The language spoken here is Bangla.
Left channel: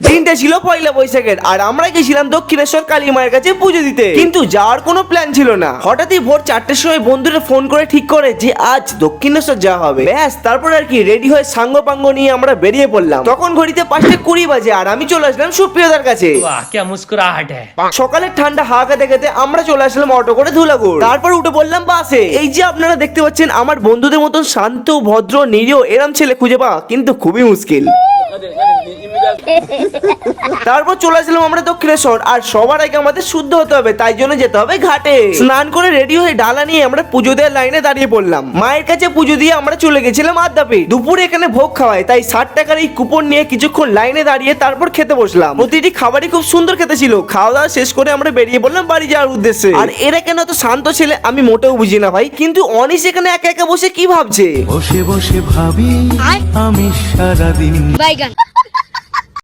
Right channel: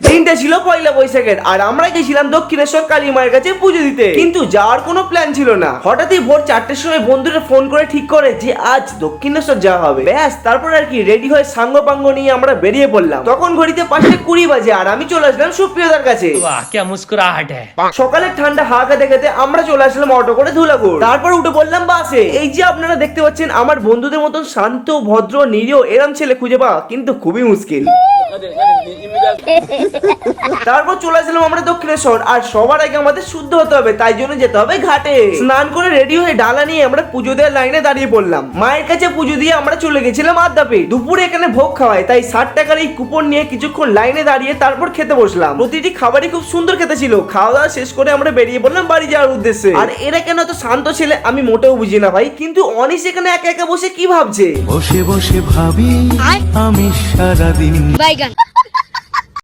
দিনটা ছিল পয়লা বৈশাখের আর আমরা গেছিলাম দক্ষিণেশ্বর কালী মায়ের কাছে পুজো দিতে, কিন্তু যাওয়ার কোনো প্ল্যান ছিল না। হঠাৎই ভোর 4টের সময় বন্ধুরা ফোন করে ঠিক করে যে আজ দক্ষিণেশ্বর যাওয়া হবে। ব্যাস তারপর আর কি রেডি হয়ে সাঙ্গ পাঙ্গ নিয়ে আমরা বেরিয়ে পড়লাম। তখন ঘড়িতে 5:20 বাজে আর আমি চলে আসলাম সুপ্রিয়দার কাছে। वाह क्या मुस्कुराहट है। সকালের ঠান্ডা হাওয়া খেতে খেতে আমরা চলে আসলাম অটো করে ধুলাগড়। তারপর উঠে পড়লাম বাসে। এই যে আপনারা দেখতে পাচ্ছেন আমার বন্ধুদের মতন শান্ত ভদ্র নিরীহ এরম ছেলে খুঁজে পাওয়া কিন্তু খুবই মুশকিল। তারপর চলে আসলাম আমরা দক্ষিণেশ্বর আর সবার আগে আমাদের শুদ্ধ হতে হবে, তাই জন্য যেতে হবে ঘাটে। স্নান করে রেডি হয়ে ডালা নিয়ে আমরা পুজো দেওয়ার লাইনে দাঁড়িয়ে পড়লাম। মায়ের কাছে পুজো দিয়ে আমরা চলে গেছিলাম আদ্যাপীঠ। দুপুরে এখানে ভোগ খাওয়ায়, তাই 60 টাকার এই কুপন নিয়ে কিছুক্ষণ লাইনে দাঁড়িয়ে তারপর খেতে বসলাম। প্রতিটি খাবারই খুব সুন্দর খেতে ছিল। খাওয়া দাওয়া শেষ করে আমরা বেরিয়ে পড়লাম বাড়ি যাওয়ার উদ্দেশ্যে। আর এরা কেন এত শান্ত ছেলে আমি মোটেও বুঝি না ভাই, কিন্তু অনিশ এখানে একা একা বসে কি ভাবছে। বসে বসে ভাবি আমি সারাদিন বাইগান